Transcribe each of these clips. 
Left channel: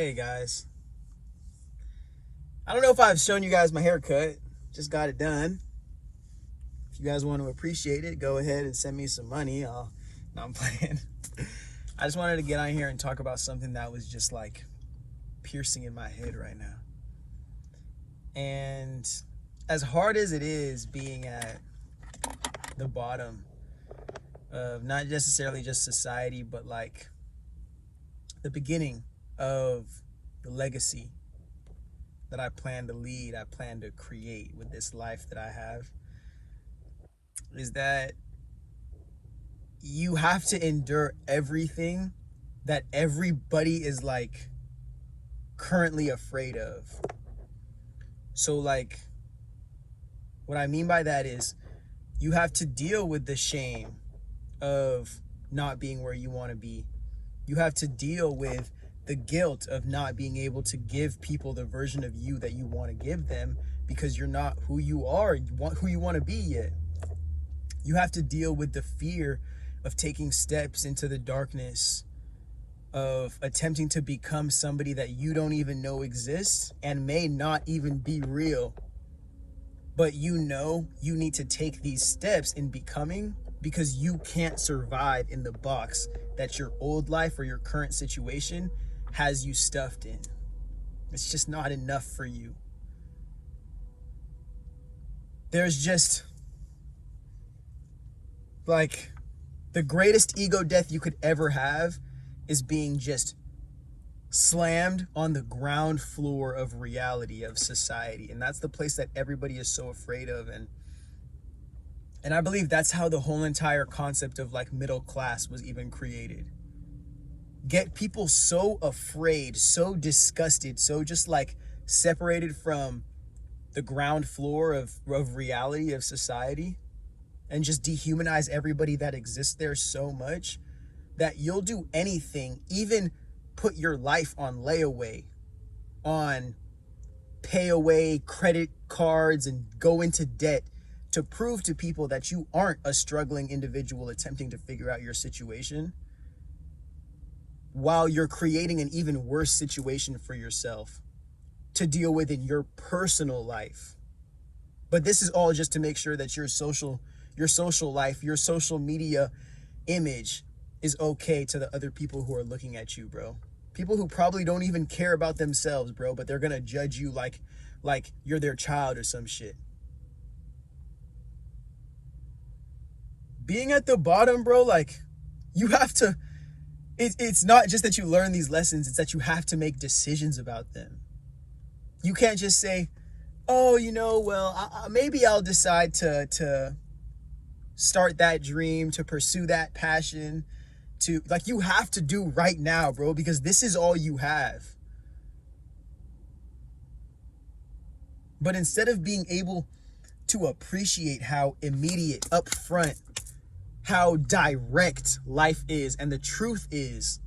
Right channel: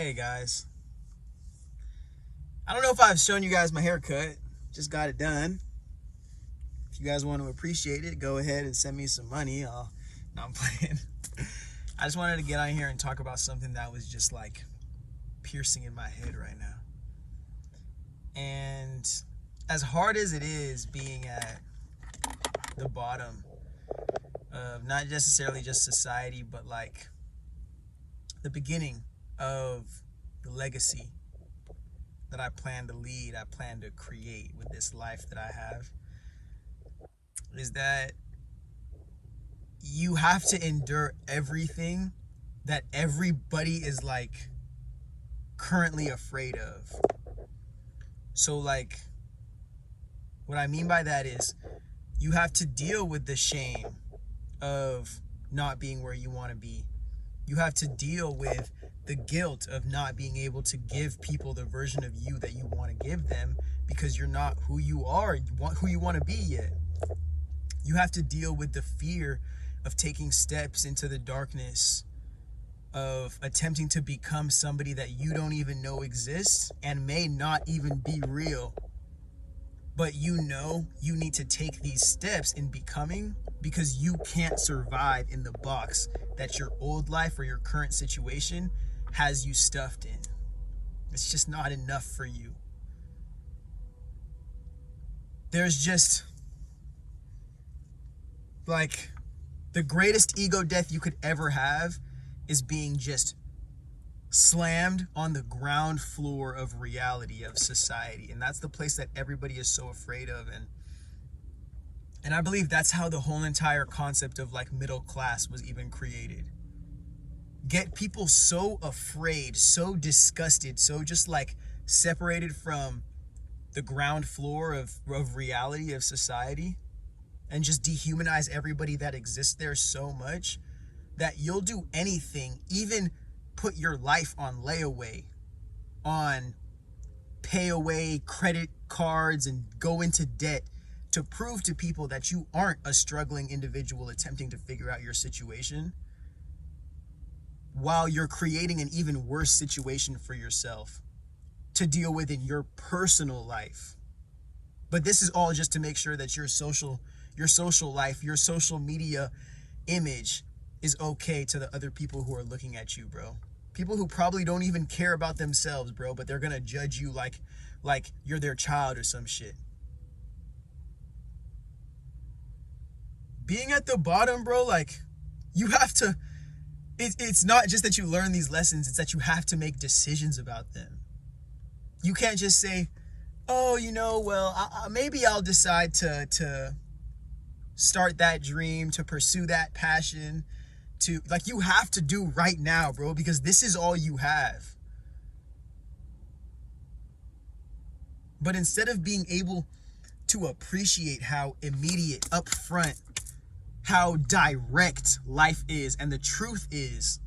Hey guys, I don't know if I've shown you guys my haircut. Just got it done. If you guys want to appreciate it, go ahead and send me some money. No, I'm playing. I just wanted to get on here and talk about something that was just like piercing in my head right now. And as hard as it is being at the bottom of not necessarily just society, but like the beginning of the legacy that I plan to lead, I plan to create with this life that I have, is that you have to endure everything that everybody is like currently afraid of. So like, what I mean by that is you have to deal with the shame of not being where you want to be. You have to deal with the guilt of not being able to give people the version of you that you want to give them because you're not who you are, who you want to be yet. You have to deal with the fear of taking steps into the darkness, of attempting to become somebody that you don't even know exists and may not even be real. But you know you need to take these steps in becoming because you can't survive in the box that your old life or your current situation has you stuffed in. It's just not enough for you. There's just like the greatest ego death you could ever have is being just slammed on the ground floor of reality, of society. And that's the place that everybody is so afraid of. And I believe that's how the whole entire concept of like middle class was even created. Get people so afraid, so disgusted, so just like separated from the ground floor of reality, of society, and just dehumanize everybody that exists there so much that you'll do anything, even put your life on layaway, on pay away credit cards, and go into debt to prove to people that you aren't a struggling individual attempting to figure out your situation, while you're creating an even worse situation for yourself to deal with in your personal life. But this is all just to make sure that your social life, your social media image is okay to the other people who are looking at you, bro. People who probably don't even care about themselves, bro, but they're gonna judge you like you're their child or some shit. Being at the bottom, bro, like, you have to, it's not just that you learn these lessons, it's that you have to make decisions about them. You can't just say, oh, maybe I'll decide to start that dream, to pursue that passion, you have to do right now, bro, because this is all you have. But instead of being able to appreciate how immediate, upfront, how direct life is and the truth is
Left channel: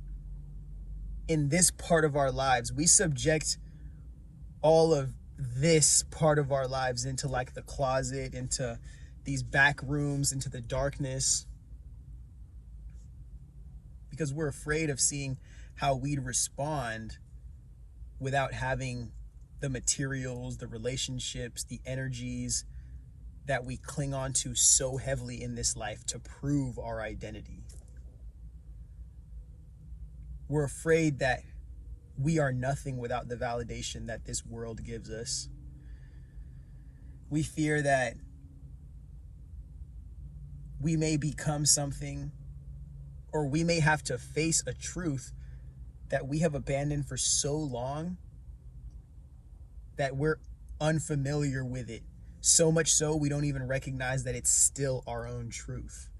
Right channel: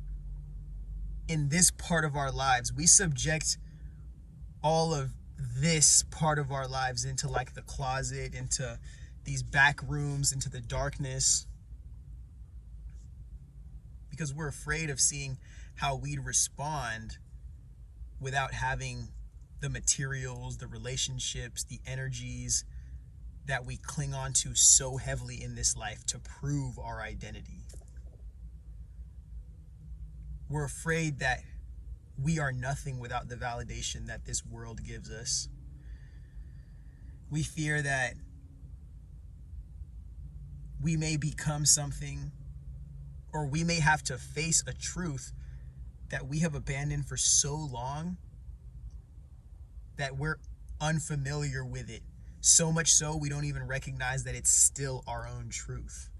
in this part of our lives, we subject all of this part of our lives into like the closet, into these back rooms, into the darkness, because we're afraid of seeing how we'd respond without having the materials, the relationships, the energies that we cling on to so heavily in this life to prove our identity. We're afraid that we are nothing without the validation that this world gives us. We fear that we may become something, or we may have to face a truth that we have abandoned for so long that we're unfamiliar with it. So much so we don't even recognize that it's still our own truth.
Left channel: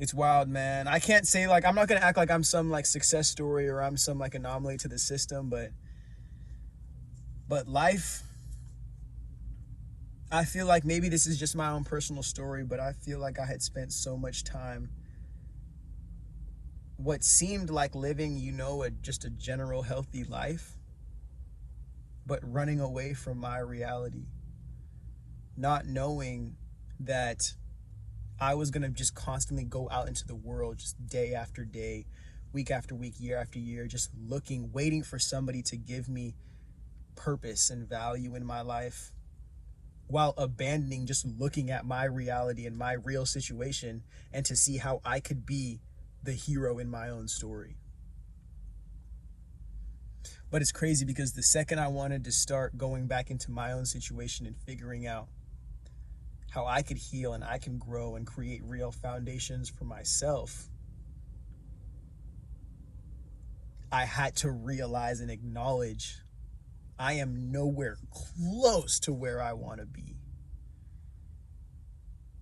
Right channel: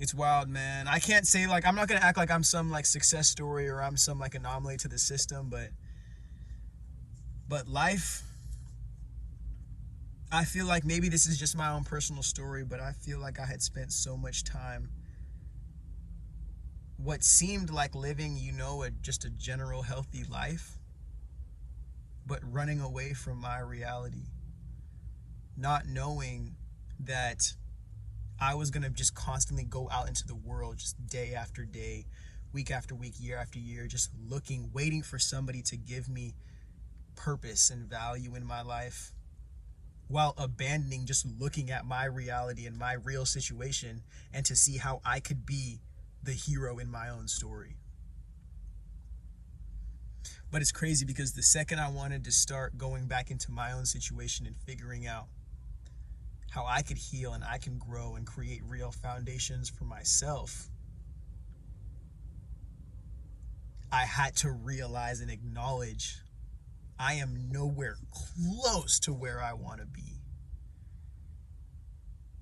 It's wild, man. I can't say I'm not gonna act like I'm some success story or I'm some anomaly to the system, but life, I feel like maybe this is just my own personal story, but I feel like I had spent so much time what seemed like living, just a general healthy life, but running away from my reality, not knowing that I was going to just constantly go out into the world, just day after day, week after week, year after year, just looking, waiting for somebody to give me purpose and value in my life, while abandoning just looking at my reality and my real situation and to see how I could be the hero in my own story. But it's crazy because the second I wanted to start going back into my own situation and figuring out how I could heal and I can grow and create real foundations for myself, I had to realize and acknowledge I am nowhere close to where I want to be.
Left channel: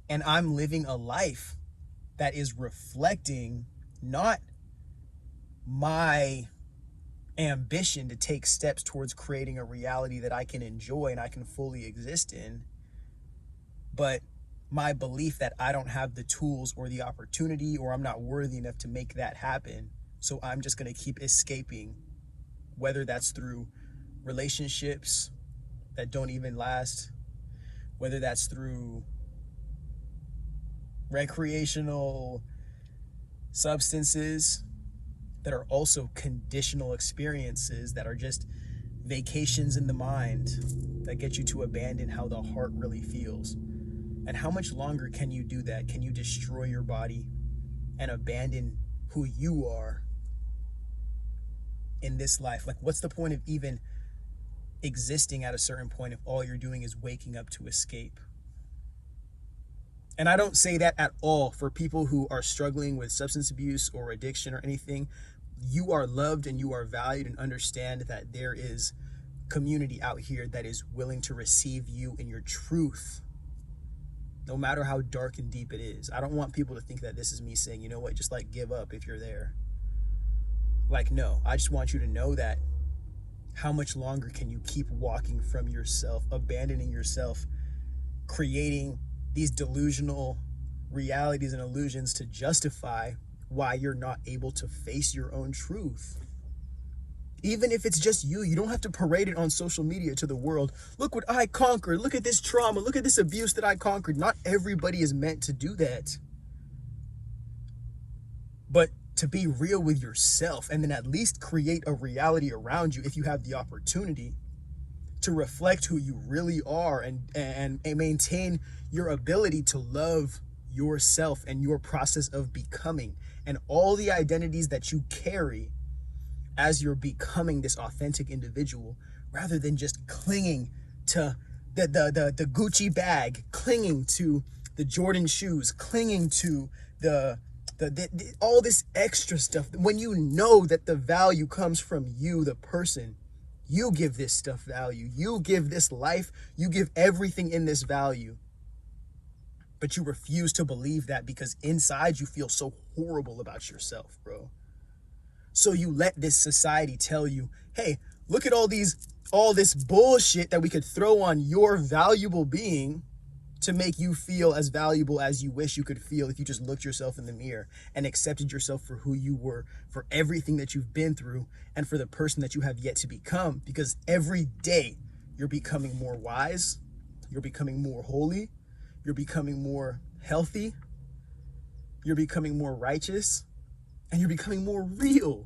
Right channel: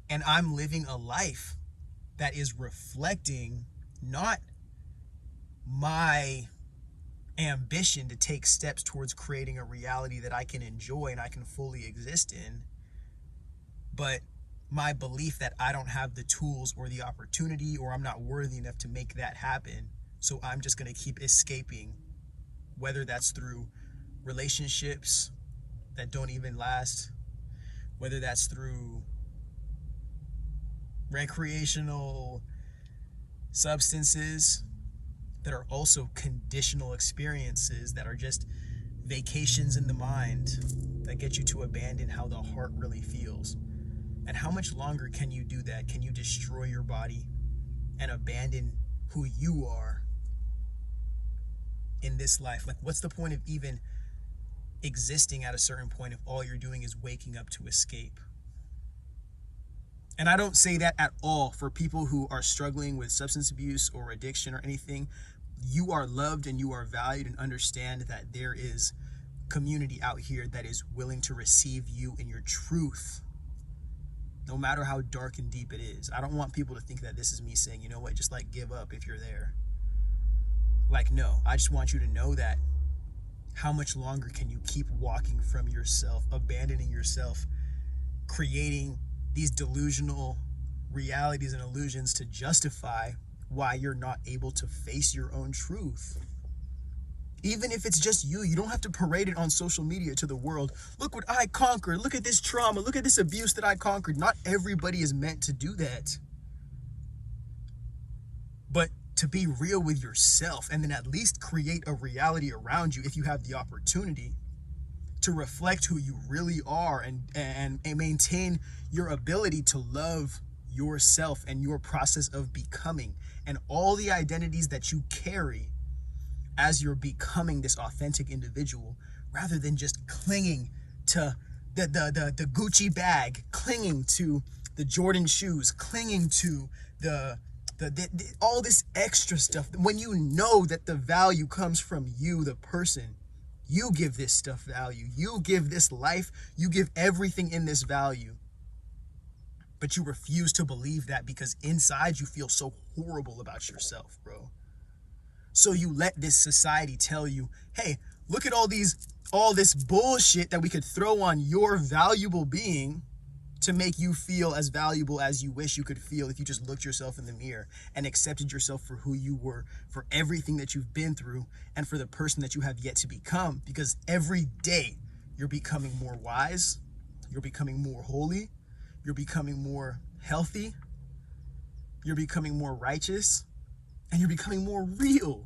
And I'm living a life that is reflecting not my ambition to take steps towards creating a reality that I can enjoy and I can fully exist in, but my belief that I don't have the tools or the opportunity, or I'm not worthy enough to make that happen. So I'm just going to keep escaping, whether that's through relationships that don't even last, whether that's through recreational substances that are also conditional experiences that are just vacations in the mind that get you to abandon how the heart really feels. And how much longer can you do that? Can you destroy your body and abandon who you are in this life? Like, what's the point of even existing at a certain point if all you're doing is waking up to escape? And I don't say that at all for people who are struggling with substance abuse or addiction or anything. You are loved and you are valued, and understand that there is community out here that is willing to receive you in your truth, no matter how dark and deep it is. I don't want people to think that this is me saying, you know what, just like give up if you're there. Like, no, I just want you to know that how much longer can you keep walking from yourself, abandoning yourself, creating these delusional realities and illusions to justify why you're not able to face your own truth. Even if it's just you, you don't have to parade it on social media to the world. Look what I conquered. Look at this trauma. Look at this abuse that I conquered. Not everybody is meant to do that. But to be real with yourself, and then at least create a reality around you if you have the opportunity to reflect who you really are, and maintain your ability to love yourself and your process of becoming, and all the identities that you carry as you're becoming this authentic individual, rather than just clinging to the Gucci bag, clinging to the Jordan shoes, clinging to the all this extra stuff, when you know that the value comes from you, the person. You give this stuff value. You give this life. You give everything in this value. But you refuse to believe that because inside you feel so horrible about yourself, bro. So you let this society tell you, hey, look at all this bullshit that we could throw on your valuable being to make you feel as valuable as you wish you could feel if you just looked yourself in the mirror and accepted yourself for who you were, for everything that you've been through, and for the person that you have yet to become. Because every day you're becoming more wise, you're becoming more holy, you're becoming more healthy, you're becoming more righteous, and you're becoming more real.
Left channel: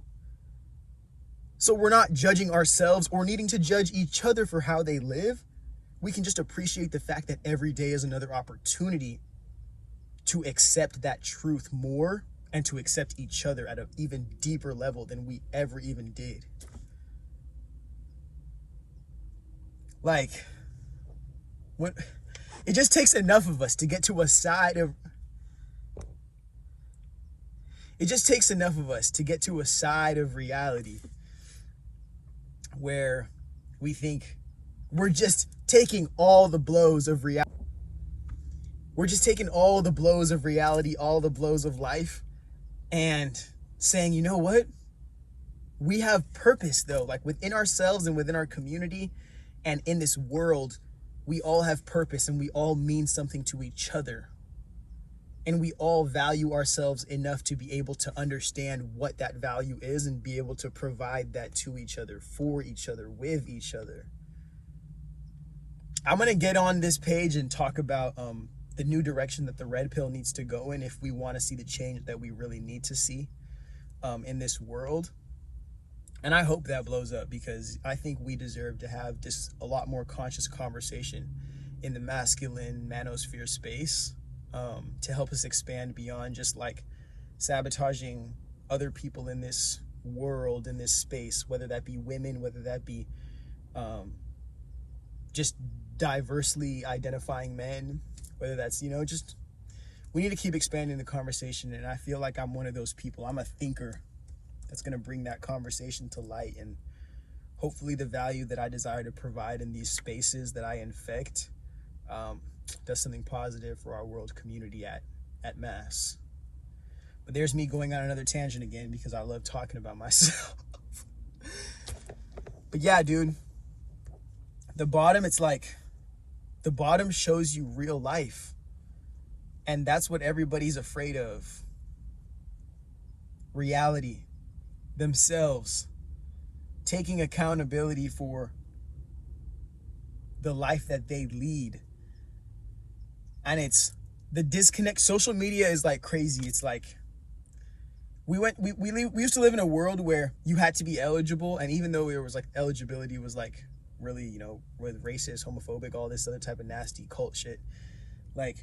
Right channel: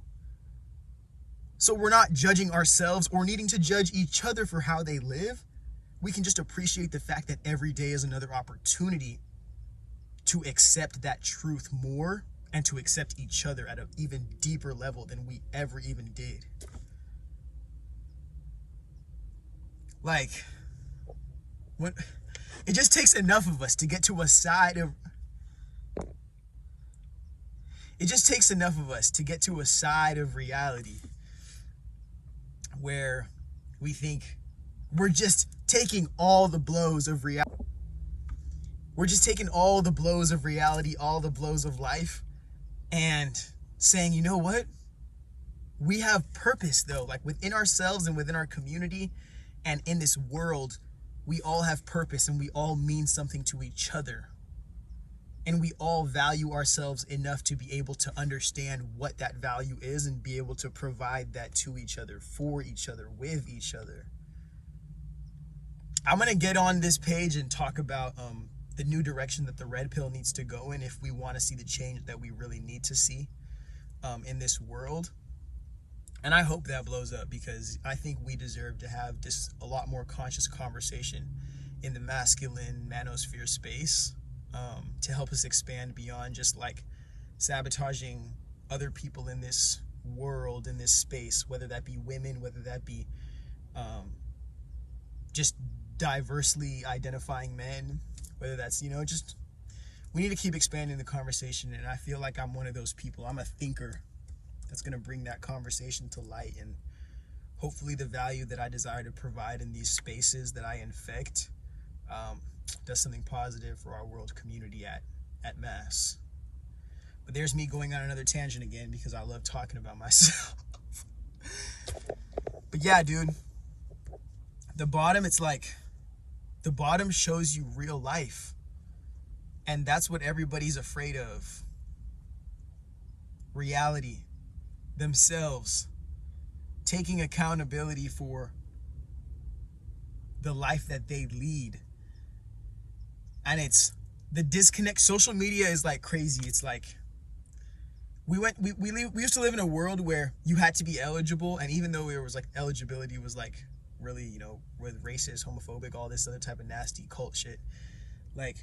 So we're not judging ourselves or needing to judge each other for how they live. We can just appreciate the fact that every day is another opportunity to accept that truth more, and to accept each other at an even deeper level than we ever even did. Like, when it just takes enough of us to get to a side of reality where we think we're just taking all the blows of reality. We're just taking all the blows of reality, all the blows of life, and saying, you know what? We have purpose, though. Like, within ourselves and within our community and in this world, we all have purpose, and we all mean something to each other. And we all value ourselves enough to be able to understand what that value is and be able to provide that to each other, for each other, with each other. I'm going to get on this page and talk about the new direction that the red pill needs to go in if we want to see the change that we really need to see in this world. And I hope that blows up, because I think we deserve to have just a lot more conscious conversation in the masculine manosphere space, to help us expand beyond just like sabotaging other people in this world, in this space, whether that be women, whether that be just diversely identifying men, whether that's, just, we need to keep expanding the conversation. And I feel like I'm one of those people. I'm a thinker that's going to bring that conversation to light, and hopefully the value that I desire to provide in these spaces that I infect does something positive for our world community at mass. But there's me going on another tangent again, because I love talking about myself. But yeah, dude, the bottom, it's like the bottom shows you real life, and that's what everybody's afraid of. Reality, themselves, taking accountability for the life that they lead. And it's the disconnect. Social media is like crazy. It's like we used to live in a world where you had to be eligible, and even though it was like eligibility was like really, with racist, homophobic, all this other type of nasty cult shit, like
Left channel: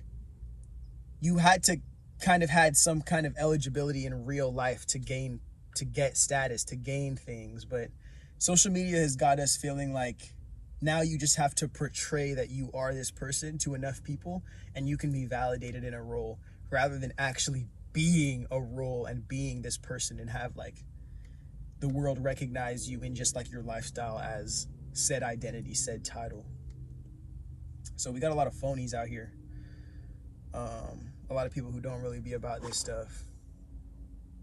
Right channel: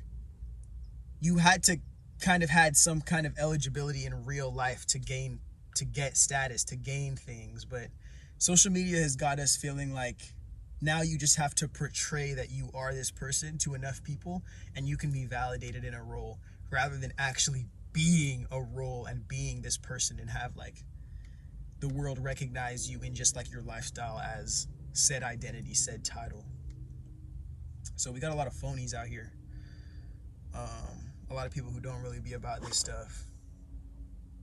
you had to kind of had some kind of eligibility in real life to get status, to gain things. But social media has got us feeling like now you just have to portray that you are this person to enough people and you can be validated in a role, rather than actually being a role and being this person and have like the world recognize you in just like your lifestyle as said identity, said title. So we got a lot of phonies out here. A lot of people who don't really be about this stuff.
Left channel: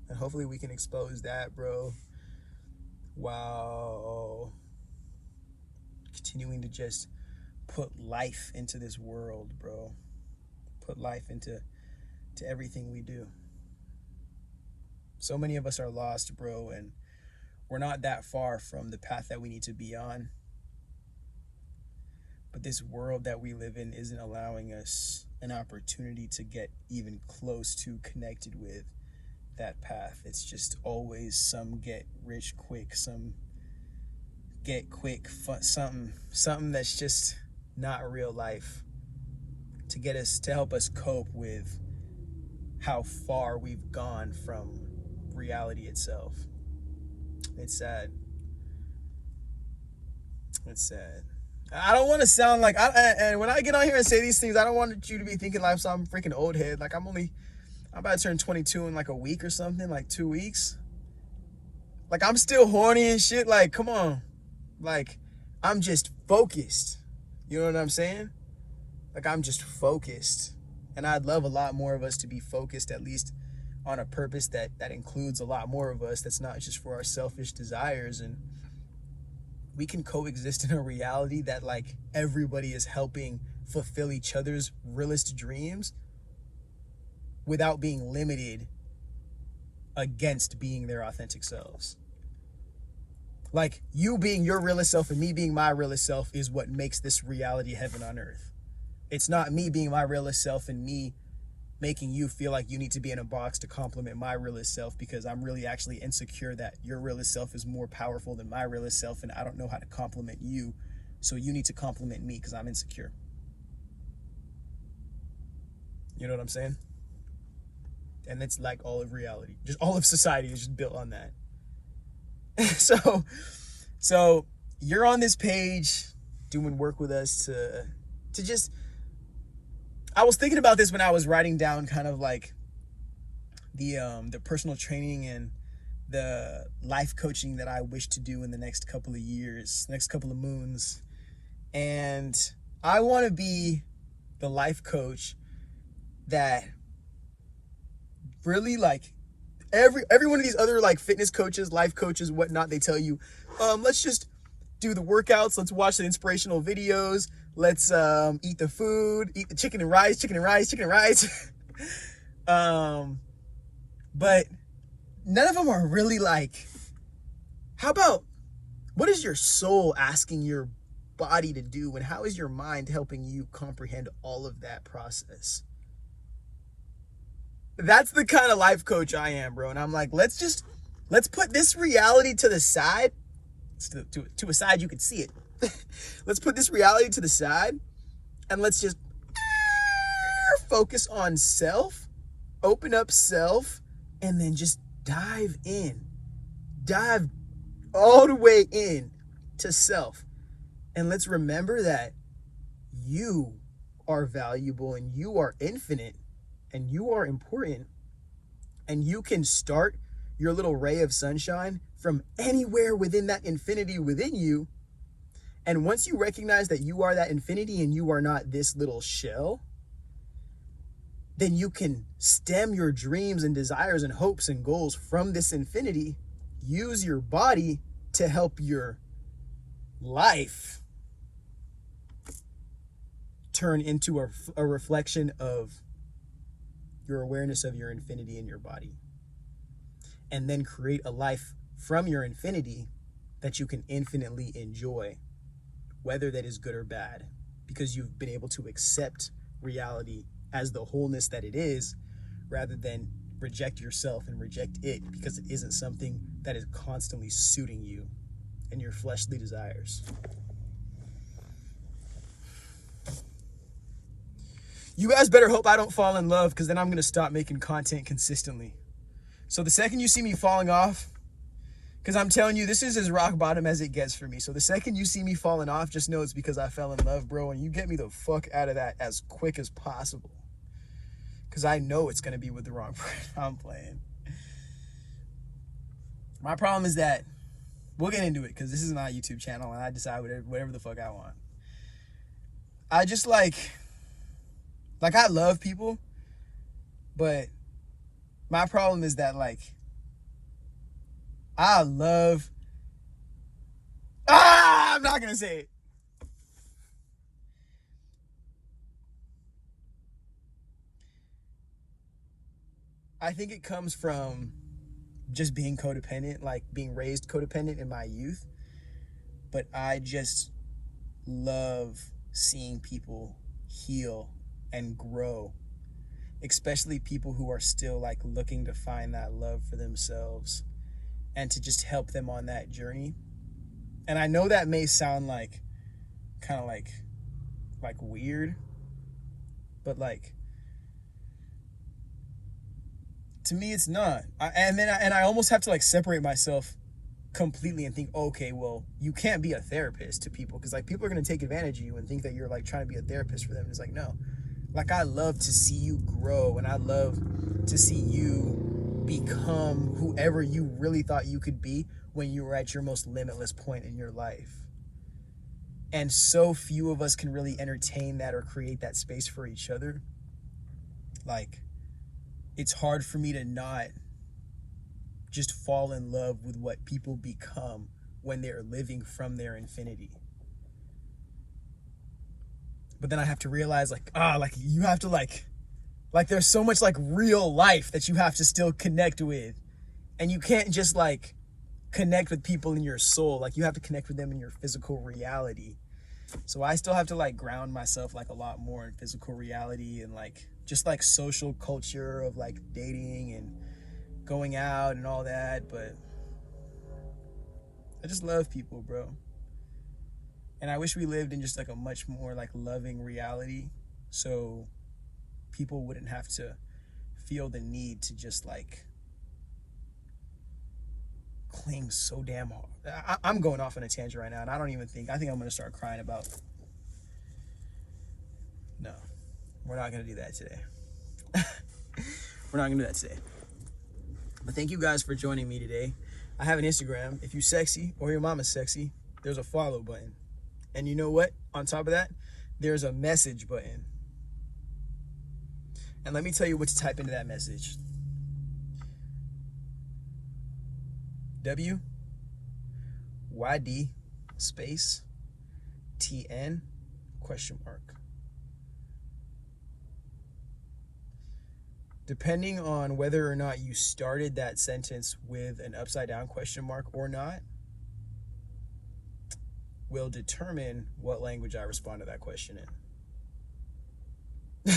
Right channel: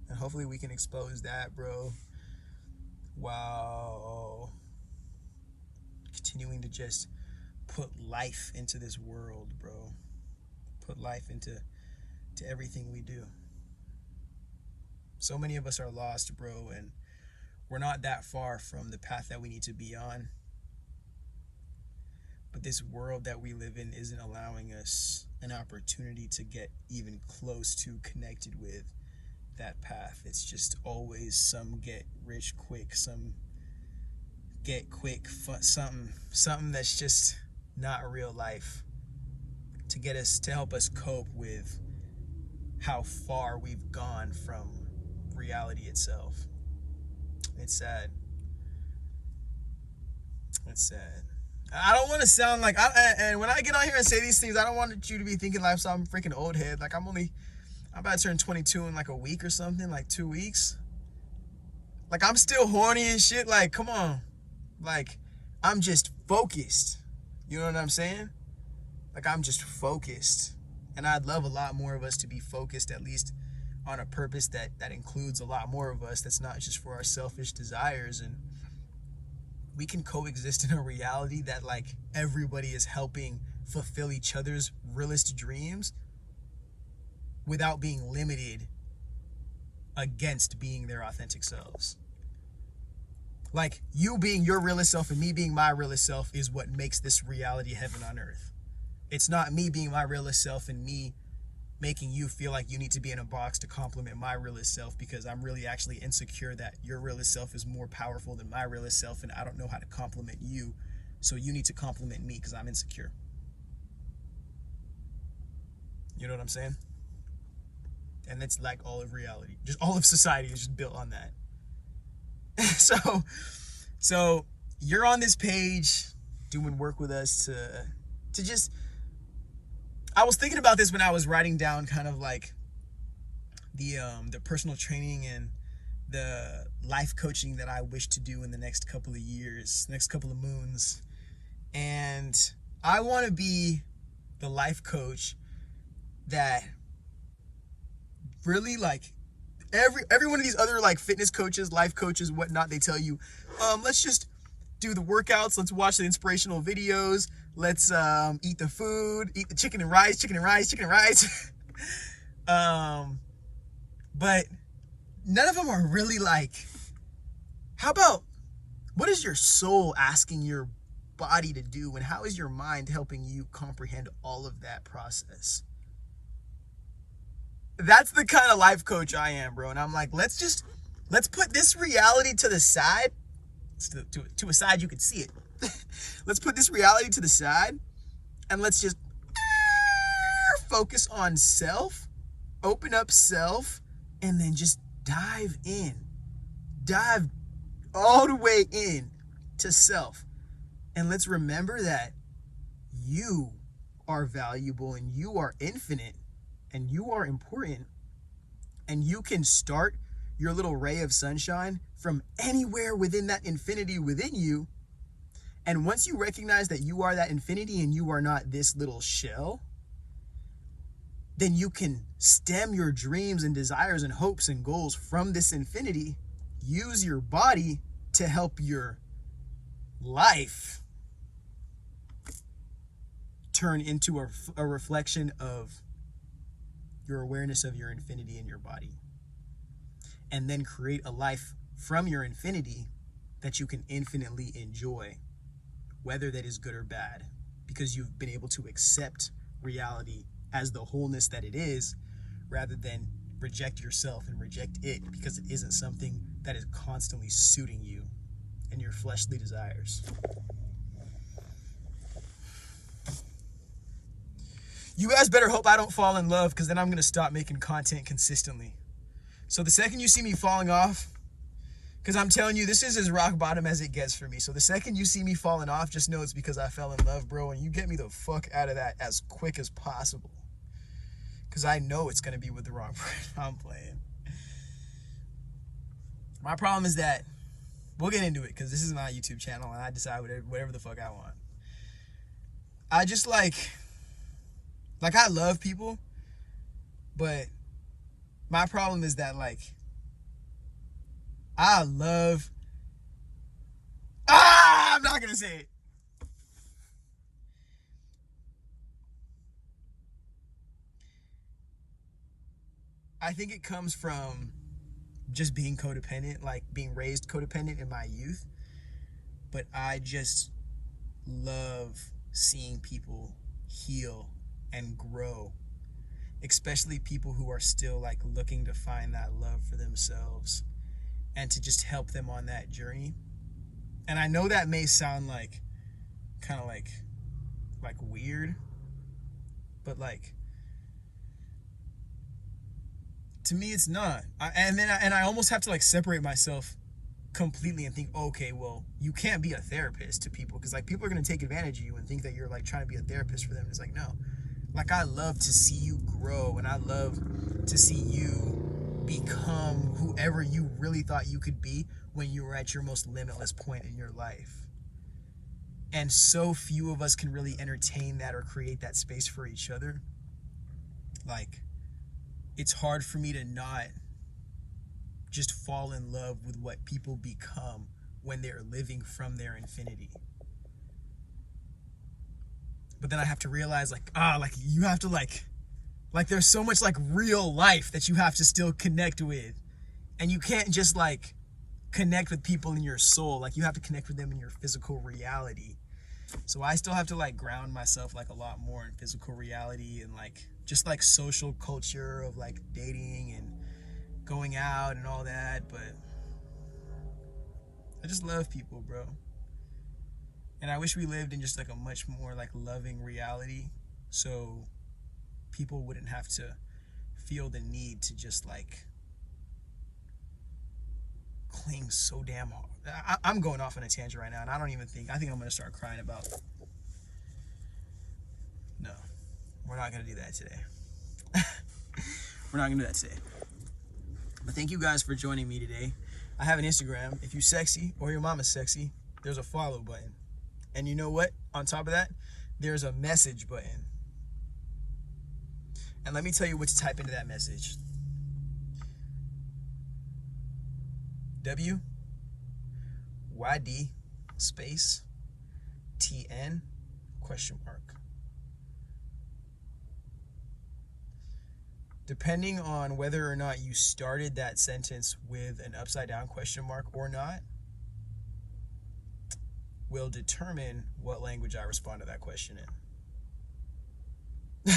And hopefully we can expose that, bro. Wow. Continuing to just put life into this world, bro. Put life into everything we do. So many of us are lost, bro, and we're not that far from the path that we need to be on. But this world that we live in isn't allowing us an opportunity to get even close to connected with that path. It's just always some get rich quick, some get quick fun, something that's just not real life, to help us cope with how far we've gone from reality itself. It's sad. It's sad. I don't want to sound like, and when I get on here and say these things, I don't want you to be thinking like I'm freaking old head. Like I'm about to turn 22 in like a week or something, like 2 weeks. Like I'm still horny and shit. Like, come on. Like I'm just focused. You know what I'm saying? Like I'm just focused. And I'd love a lot more of us to be focused, at least on a purpose that includes a lot more of us. That's not just for our selfish desires. And we can coexist in a reality that like everybody is helping fulfill each other's realest dreams without being limited against being their authentic selves. Like you being your realest self and me being my realest self is what makes this reality heaven on earth. It's not me being my realest self and me making you feel like you need to be in a box to complement my realest self, because I'm really actually insecure that your realest self is more powerful than my realest self and I don't know how to compliment you, so you need to compliment me because I'm insecure. You know what I'm saying? And it's like all of reality, just all of society is just built on that. So you're on this page doing work with us to just, I was thinking about this when I was writing down kind of like the personal training and the life coaching that I wish to do in the next couple of years, next couple of moons. And I want to be the life coach that really, like, every one of these other like fitness coaches, life coaches, whatnot, they tell you, let's just do the workouts, let's watch the inspirational videos, let's eat the food, eat the chicken and rice. But none of them are really like, how about, what is your soul asking your body to do, and how is your mind helping you comprehend all of that process? That's the kind of life coach I am, bro. And I'm like, let's put this reality to the side, to a side you can see it. Let's put this reality to the side, and let's just focus on self, open up self, and then just dive all the way in to self. And let's remember that you are valuable, and you are infinite, and you are important, and you can start your little ray of sunshine from anywhere within that infinity within you. And once you recognize that you are that infinity and you are not this little shell, then you can stem your dreams and desires and hopes and goals from this infinity. Use your body to help your life turn into a reflection of your awareness of your infinity in your body. And then create a life from your infinity that you can infinitely enjoy, whether that is good or bad, because you've been able to accept reality as the wholeness that it is, rather than reject yourself and reject it because it isn't something that is constantly suiting you and your fleshly desires. You guys better hope I don't fall in love, because then I'm going to stop making content consistently. So the second you see me falling off, because I'm telling you, this is as rock bottom as it gets for me. So the second you see me falling off, just know it's because I fell in love, bro. And you get me the fuck out of that as quick as possible, because I know it's going to be with the wrong person. I'm playing. My problem is that, we'll get into it, because this is my YouTube channel and I decide whatever the fuck I want. I just like I love people, but my problem is that, like, I'm not gonna say it. I think it comes from just being codependent, like being raised codependent in my youth. But I just love seeing people heal and grow, especially people who are still like looking to find that love for themselves, and to just help them on that journey. And I know that may sound like kind of like weird, but like, to me it's not. I almost have to like separate myself completely and think, okay, well, you can't be a therapist to people, because like people are going to take advantage of you and think that you're like trying to be a therapist for them. It's like, no. Like, I love to see you grow, and I love to see you become whoever you really thought you could be when you were at your most limitless point in your life. And so few of us can really entertain that or create that space for each other. Like, it's hard for me to not just fall in love with what people become when they're living from their infinity. But then I have to realize, like, you have to like there's so much like real life that you have to still connect with. And you can't just like connect with people in your soul. Like, you have to connect with them in your physical reality. So I still have to like ground myself like a lot more in physical reality, and like just like social culture of like dating and going out and all that. But I just love people, bro. And I wish we lived in just like a much more like loving reality, so people wouldn't have to feel the need to just like cling so damn hard. I'm going off on a tangent right now, and I think I'm going to start crying about. No, we're not going to do that today. We're not going to do that today. But thank you guys for joining me today. I have an Instagram. If you're sexy or your mama's sexy, there's a follow button. And you know what? On top of that, there's a message button. And let me tell you what to type into that message. WYD space TN ? Depending on whether or not you started that sentence with an upside down question mark or not, will determine what language I respond to that question in.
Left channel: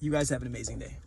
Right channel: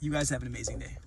You guys have an amazing day.